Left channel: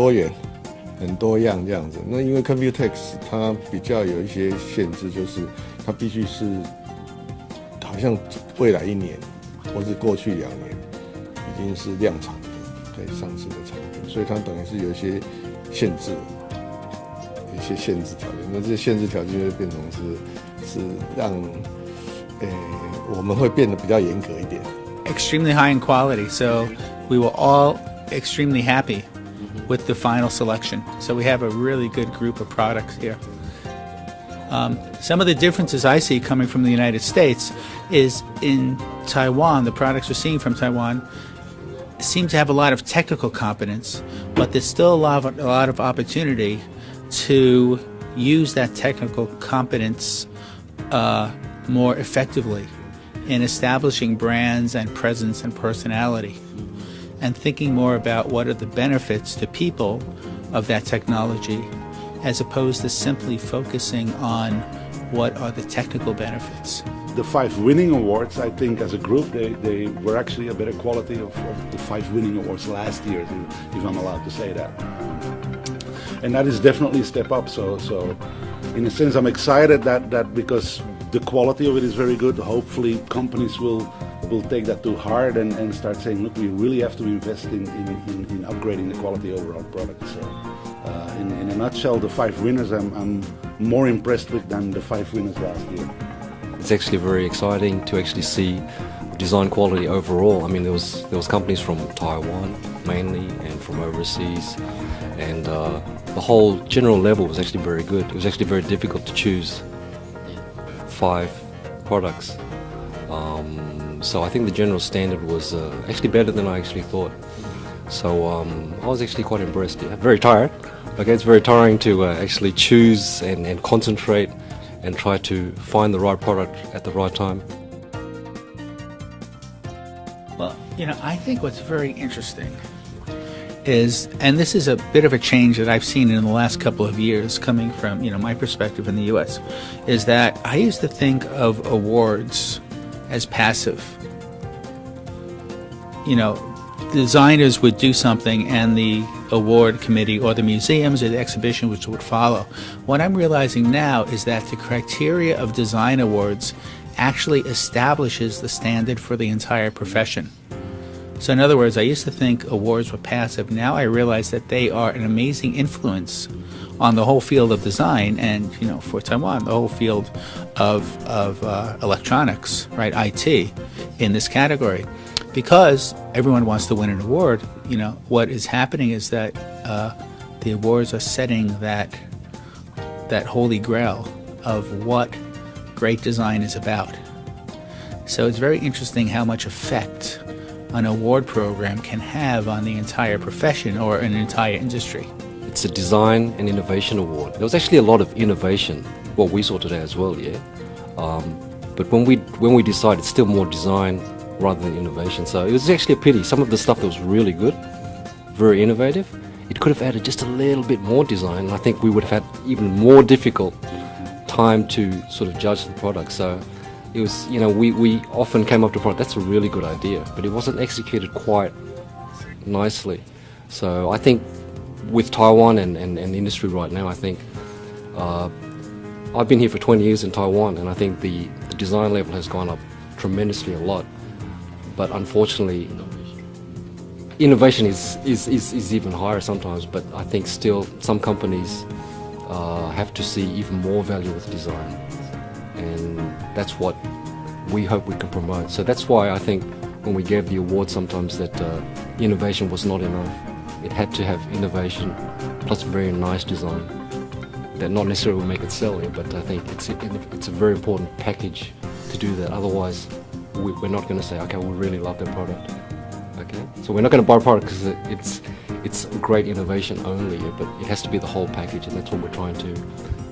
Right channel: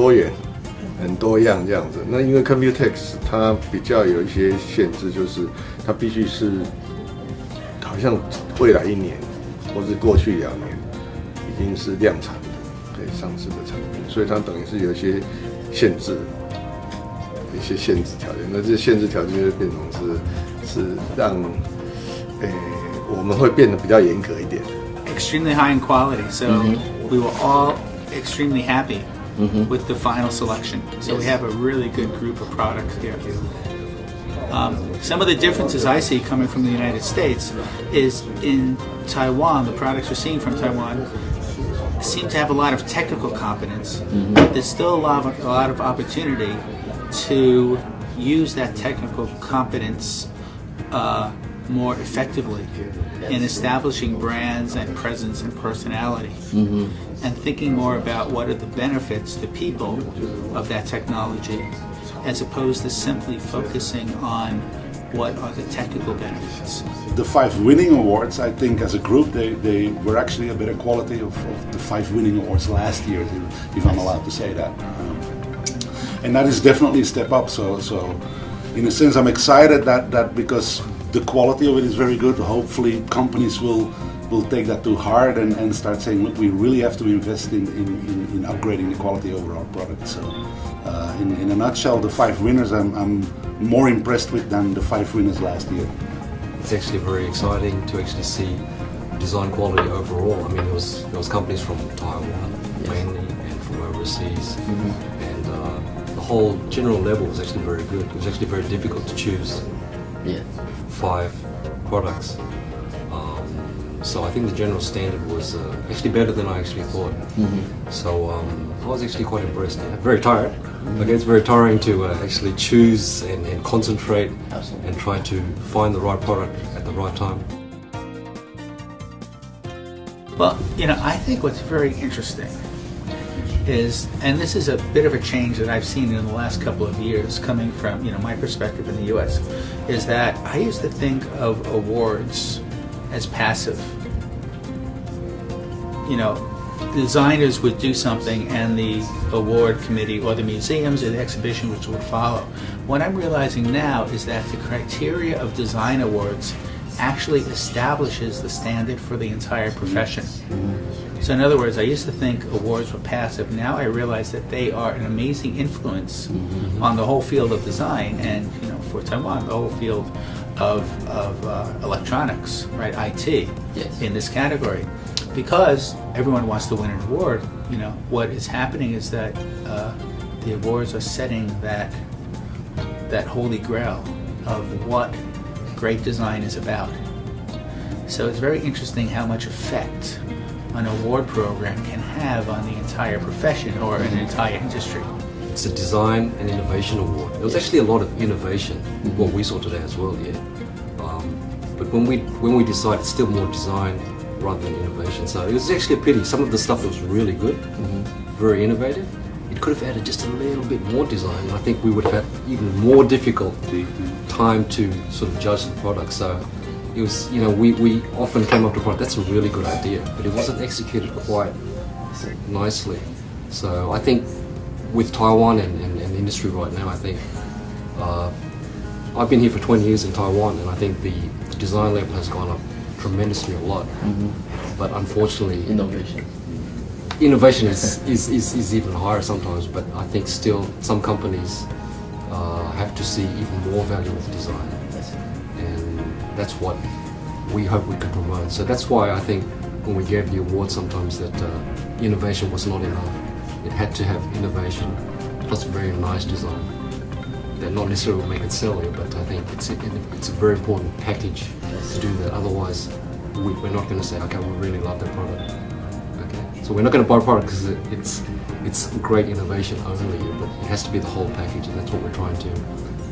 多元、很多样这样子。那因为 COMPUTEX 它比较有一些限制，就是它必须是好像未来1年或是过去2年已经是量产的可以上市的产品，所以它等于是有一些限制。一些限制条件，那这些限制条件就变成是让我们会变得比较严格一点。Extremely high in quality, so we were all extremely happy with the final selection. So we have a really good group of products here. Some of the differences I see coming from the United States is in Taiwan, the products we're seeing from Taiwan seem to have a lot of technical competence, but there's still a lot of opportunity to use that technical competence more effectively in establishing brands and presence and personality, and thinking more about what are the benefits to people of that technology, as opposed to simply focusing on what are the technical benefits. The 5 winning awards, I think as a group, they were actually a better quality of the 5 winning awards last year, if I'm allowed to say that. And that is definitely a step up. So in a sense, I'm excited that because the quality of it is very good, hopefully companies will take that to heart and start saying, look, we really have to invest in upgrading the quality of our product. So in a nutshell, the 5 winners I'm more impressed with than the 5 winners last year. It's actually very exciting to actually see design quality overall. I mean, there was companies from Taiwan mainly and from overseas, and the whole general level was actually very good. It was actually very difficult to choose 5 products. So I think the general standard was actually better than I actually thought. So I was actually quite impressed. Very tired. Okay, it's very tiring to actually choose and concentrate and try to find the right product at the right time. Well, I think what's very interesting is, and this is a bit of a change that I've seen in the last couple of years coming from, my perspective in the US, is that I used to think of awards as passive. Designers would do something and the award committee or the museums or the exhibition which would follow. What I'm realizing now is that the criteria of design awards actually establishes the standard for the entire profession. So in other words, I used to think awards were passive. Now I realize that they are an amazing influence on the whole field of design, and for Taiwan, the whole field of electronics, right, IT, in this category. Because everyone wants to win an award, what is happening is that the awards are setting that holy grail of what great design is about. So it's very interesting how much effect an award program can have on the entire profession or an entire industry. It's a design and innovation award. There was actually a lot of innovation, what we saw today as well, but when we decided, it's still more design rather than innovation. So it was actually a pity. Some of the stuff that was really good, very innovative, it could have added just a little bit more design, and I think we would have had even more difficult time to sort of judge the product. So it was, we often came up to a product, that's a really good idea, but it wasn't executed quite nicely. So I think with Taiwan and the industry right now, I think I've been here for 20 years in Taiwan, and I think the design level has gone up tremendously a lot. But unfortunately, innovation is even higher sometimes, but I think still some companies have to see even more value with design, and that's what we hope we can promote. So that's why I think when we gave the award sometimes that innovation was not enough. It had to have innovation plus very nice design. That not necessarily will make it sell it, but I think it's a very important package to do that. Otherwise, we're not going to say, okay, we really love the product. Okay, so we're not going to buy a product because it's great innovation only, but it has to be the whole package, and that's what we're trying to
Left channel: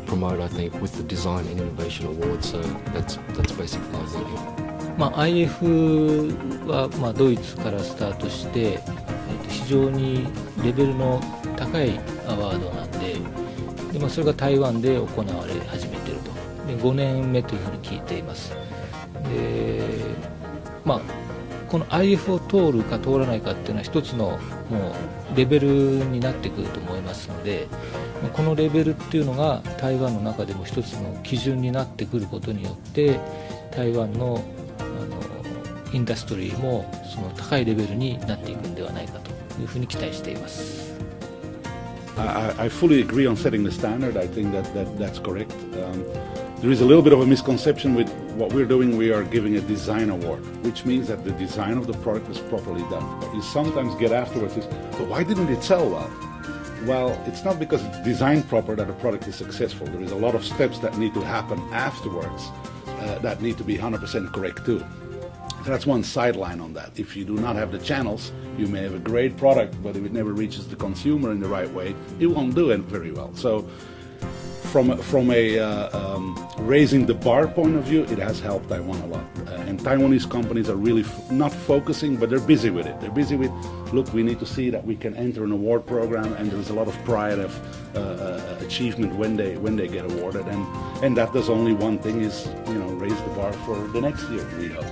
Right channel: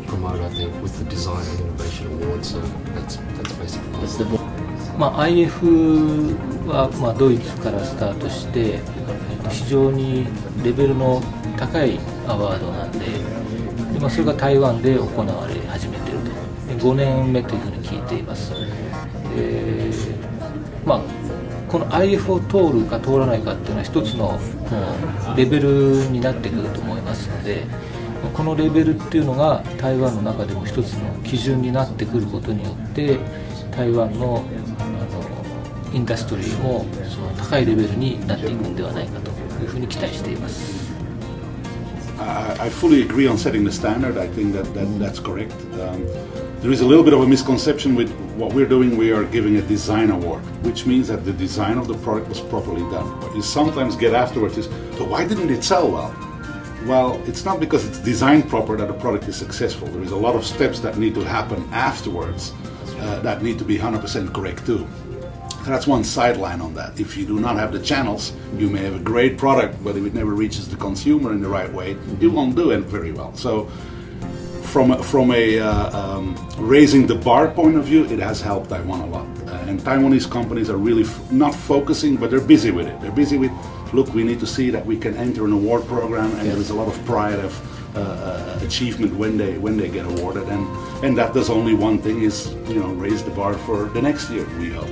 promote, I think, with the Design and Innovation Award. So that's basically it. IF はドイツからスタートして非常にレベルの高いアワードなんで、それが台湾で行われ始めていると5年目というふうに聞いています。この IF を通るか通らないかっていうのは一つのレベルになってくると思いますので、このレベルっていうのが台湾の中でも一つの基準になってくることによって台湾のインダストリーもその高いレベルになっていくんではないかというふうに期待しています。I fully agree on setting the standard. I think that's correct. There is a little bit of a misconception with what we're doing. We are giving a design award, which means that the design of the product was properly done. What you sometimes get afterwards is, so why didn't it sell well? Well, it's not because it's designed proper that a product is successful. There is a lot of steps that need to happen afterwards that need to be 100% correct too. That's one sideline on that. If you do not have the channels, you may have a great product, but if it never reaches the consumer in the right way, it won't do it very well. So from a raising the bar point of view, it has helped Taiwan a lot. And Taiwanese companies are really not focusing, but they're busy with it. They're busy with, look, we need to see that we can enter an award program, and there is a lot of pride of achievement when they get awarded. And that does only one thing, is raise the bar for the next year, we hope.